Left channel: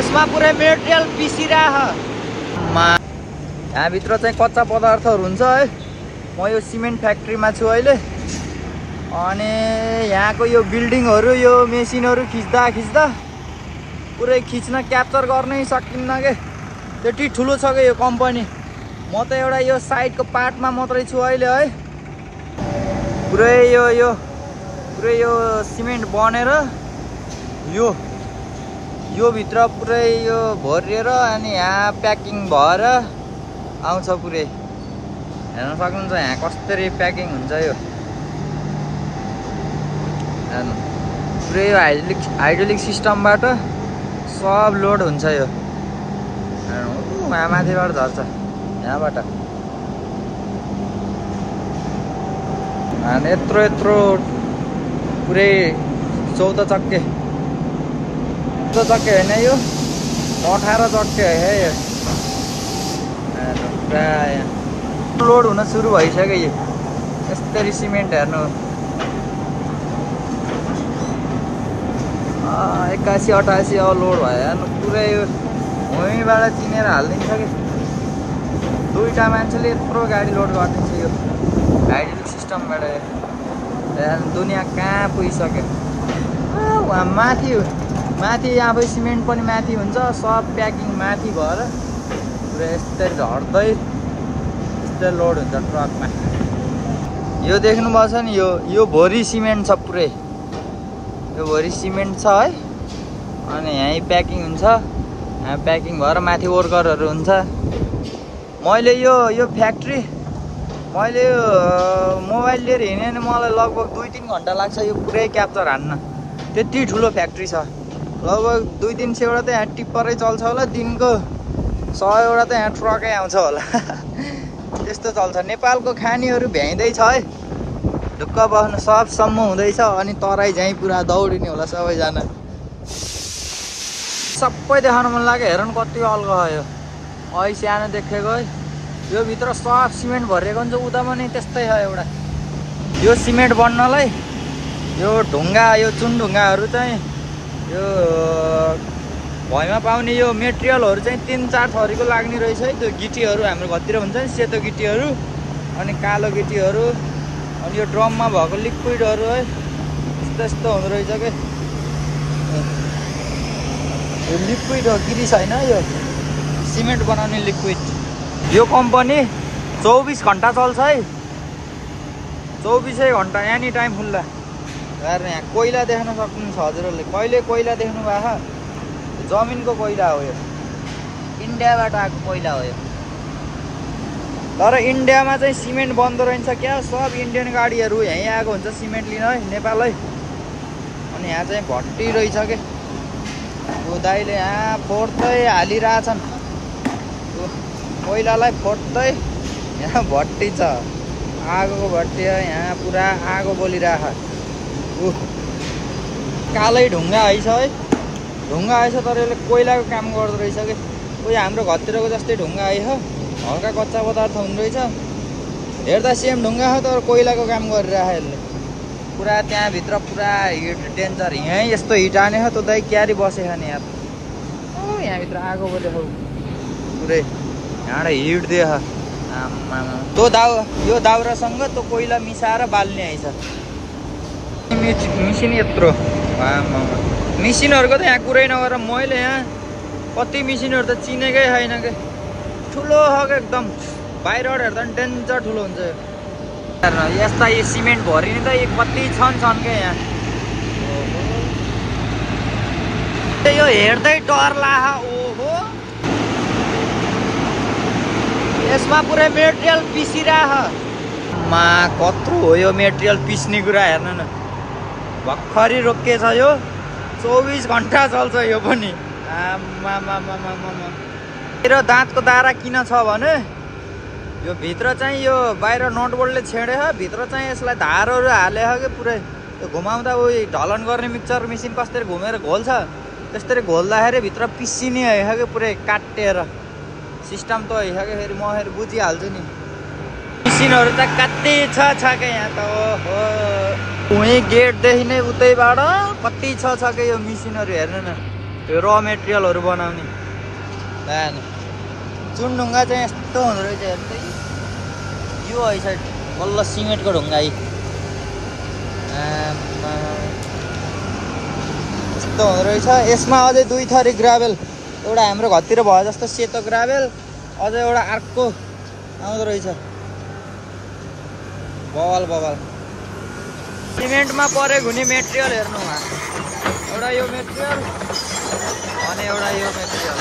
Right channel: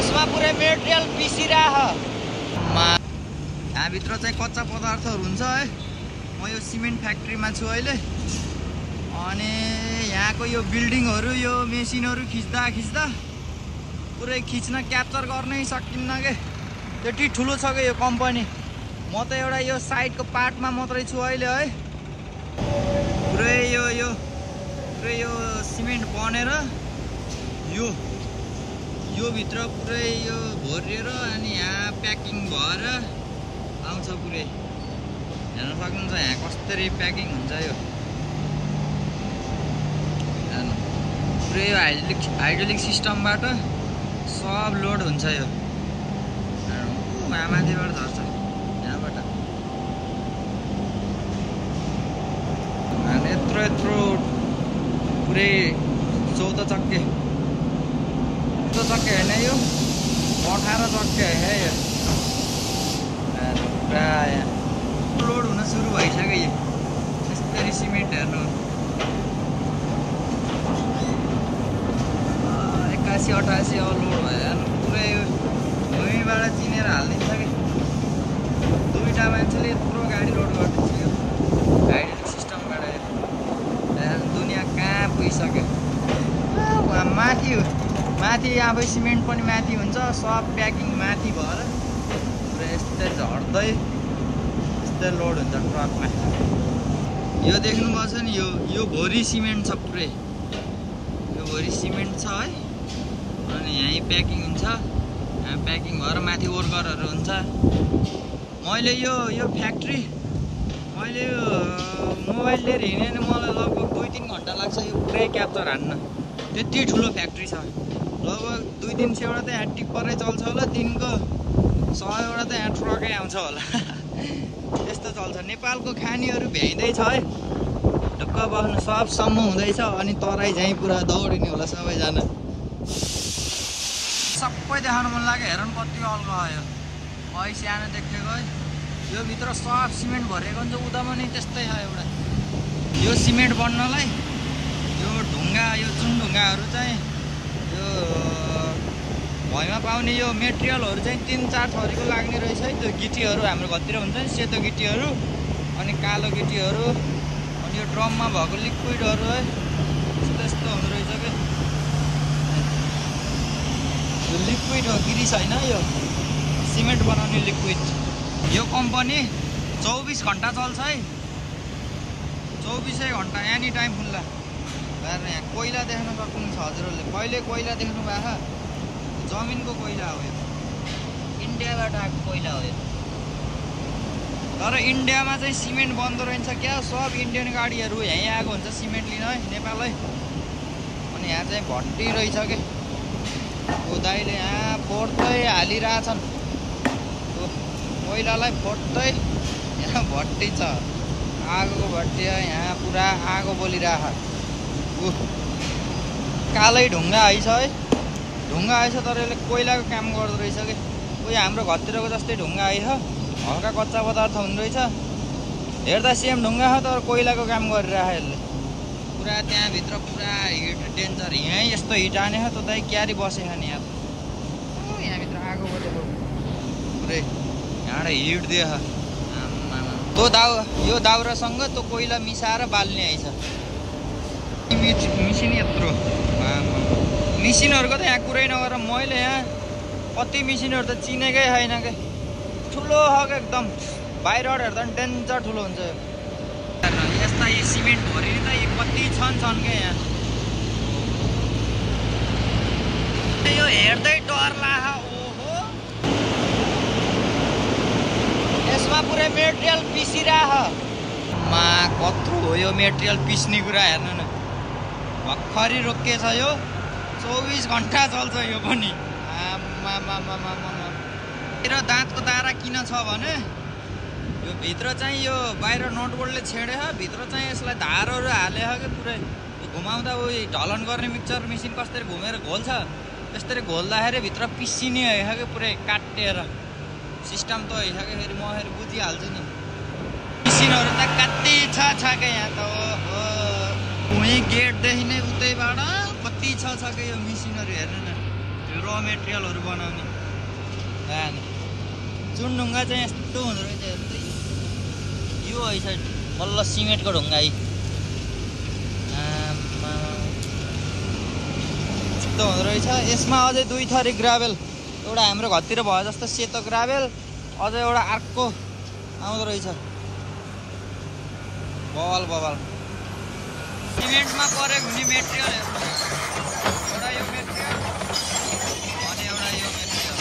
यसमा पुरै मेटेरियल पिसिराह। यहाँभित्र चाहिँ कच्चा पदार्थहरू हुन्छ है। म यो सिमेन्ट फ्याक्ट्रीमा छु अहिले। अनि यहाँको यो बिल्डिङहरू यो मेसिनहरू खिच्दा पुरै खिच्न क्याप्चर गर्नै सकिन्न के, त्यति ठुलो छ के यो कम्पनी। म त एउटा यो साइडको पार्टमा मात्रै छु अहिले है। पुरै यो सिमेन्ट बनेर यो भित्र पुरै यो भरिएर अनि यहाँ प्याकिङ भएर आउँछ पुरै। हेर्न सक्नुहुन्छ यहाँ कसरी प्याकिङ हुन्छ यो। हेर्नु पुरै यो हाइड्रोलिक सिस्टमबाट सब लोड हुन्छ यो। हेर्नु माथिबाट झर्छ यहाँबाट। अनि यत्रो पुरै 14 चक्के होइन यो 18 चक्के है यो। पुरा लोड हुन सुरु भइसक्यो यो यसरी सिमेन्ट। हेर्नु 81 88 अब लोड भयो। हेर्नु पुरै यो भुइँबाट चिनेर हालिदिन्छ कि। दुईटा मान्छेले यत्रो गाडी लोड गरिदिन्छ यो हाइड्रोलिक सिस्टमबाट। दुनियाँ कहाँ पुगिसक्यो। वहाँ माथि यहाँ सिमेन्ट पनि माथि हुन्छ, सब प्याकिङ माथि भएर पुरा यस्तै झर्दै यस्तै लोड हुन्छ ट्रकमा। यो देख्नुभएको छ नि, यो भोरी सिमेन्ट छ पुरै। यो भोरी सिमेन्ट छ है। अनि यहीँ प्याकिङ हुन्छ, यहाँ प्याकिङ भएर माथि वर्करहरू हुन्छ। मैले यो फ्याक्ट्री मैले मोबाइल लिएर हिँडेँ भने मलाई लगभग 2-3 घन्टा लाग्छ यो पुरै क्याप्चर हान्न। त्यति ठुलो फ्याक्ट्री छ। लगभग 200-300 वटा त यहाँ टिप्परै चल्छ होला। दिनको 100 वटा त यहाँ ट्रकै आउँछ होला। त्यस्तो चल्छ। नेपालको खानीहरू भ्याइँदैछ है। ढुक्क बस्नु सब सम्म हुँदैछ। अनि तराई झैँ पुरा दौडिने होला सबैजना। सबै देखाउन मन लाग्यो। हेर्नु कति अल्गो यो अहिले सानो देखेको है। यो भित्र सब सिमेन्ट भरिएको हुन्छ। उता पनि त्यस्तै छ एउटा। यो सिमेन्ट बन्नलाई यो ढुङ्गा यो चुन ढुङ्गाहरू चाहिँ यो भुइँमा पाउने यो मेटेरियलहरू चाहिँ 3-4 थरीको लाग्ने रहेछ है। त्यो गिटीहरू हाम्रो घरतिर हुन्छ नि, सेतो गिटीहरू अनि कालो गिटीहरू अनि यो ड्रममा भएको लिक्विडहरू है। त्यस्तो हुँदो रहेछ के। यो लिक्विड हो, गिरी छैन यो सिमेन्ट बनाउने लिक्विड। यो कम्पनी 24 घन्टा चल्छ है। 24 घन्टा एनी टाइम खुल्ला। हेर्नु यहाँ कोइला देख्न सक्नुहुन्छ हजुरहरूले। कहिले कोइला देख्नु भएको? जमिनको कोइला हो यो। इन्डियाबाट आएको कोइला हो यो। तर इन्डियामा चाहिँ सिमेन्ट बन्दो रहेछ क्या। सब इन्डियन गाडीहरू यहीँ आएको हुन्छ सिमेन्ट लिन है नेपाल है। अनि यहाँ चाहिँ भट्टी रहेछ के। दाइले यहाँ फोड्दै हालिरहेछन् कोइलालाई फोड्दै। यहाँ भट्टी छ, आगोको भट्टी हो। यहाँ पुरा आगो बोलिरहेछ। कालै ढुङ्गा आइछ है। ढुङ्गा आइछ तर यसले कोइलाको काम गर्दो रहेछ कि। कोही हाम्रो घरतिरको जस्तै ढुङ्गा आइछ। हल्का कच्चा पदार्थ हुँदो रहेछ। हेर्दा सेम ढुङ्गा हो तर कोइलाको काम गरिरहेछ यसले। पुरा त्यहाँभित्र पुरा हिट डेन्जर। यहीँ यस्तो हिट हाने छ। त्यो दाइ क्यारी बसेछ नि यार। यहाँभित्र आगो बसेको पुरै। यहाँबाट हिट दिएछ। त्यो यो दाउरासँग त्यो कोइला मिसाएर बाल्ने आइछ। मिसिन यत्रो मिसिनहरूको त यहाँ कुरै नगरेर मैले यहाँ कति मिसिनहरू त चिनेकै छैन के। ठुलो हो क्या एकदम। बाहिरबाट हेर्दा पनि डेन्जर ठुलो हुन्छ यो। यस्ता यो सिमेन्ट भरिने त यो कति छन् क्या यहाँ। यो हेर्दै डर लाग। ओहो यसमा पुरै मेटेरियल पिसिराह। कत्रो हो यो मेटेरियल पिस्ने कुरा। हेर्नु न भर्खरै रोकिएछ यो। 24 घन्टा चल्छ यो पनि। र दाँतको दारा किन छ भने यो भित्र चाहिँ यो बाहिर नटबोल्टले छेडेछ। भित्र चाहिँ यसलाई धारहरू हालेछ कि पुरै। यो घुमाउँदा उयो ढलन गर्ने मिक्सर मेसिन कसरी घुमेर घोल्छ त्यसरी घोल्दाखेरि भित्र पिसिने है कि पुरै काटेर। सिस्टम त है कि। फेरि म फेरि बुझिहाल्छु नि। मिसिनहरू त कति छ क्या यहाँ त। ओहो उहीँ गेटदेखि नै उतैबाट कति छ क्या यो मिसिनहरू। हेर्नु न यो र मेटेरियलहरू बनाउने भएन। चुनढुङ्गा चाहिँ यस्तो हुँदो रहेछ हेर्नु त। यो है साइड बल्ल सिमेन्टको ढुङ्गा यस्तो हुँदो रहेछ। यसमा अझै 2 थरी ग्राभेल, एउटा हाम्रो घरतिर भयो जस्तो सेतो ग्राभेल, अझै एउटा अर्को आउँदो रहेछ बवाल बवाल। सिमेन्टमा परेको हुने मेटेरियल हेर्नु, एउटा यो मेटेरियल अनि एउटा यो मेटेरियल।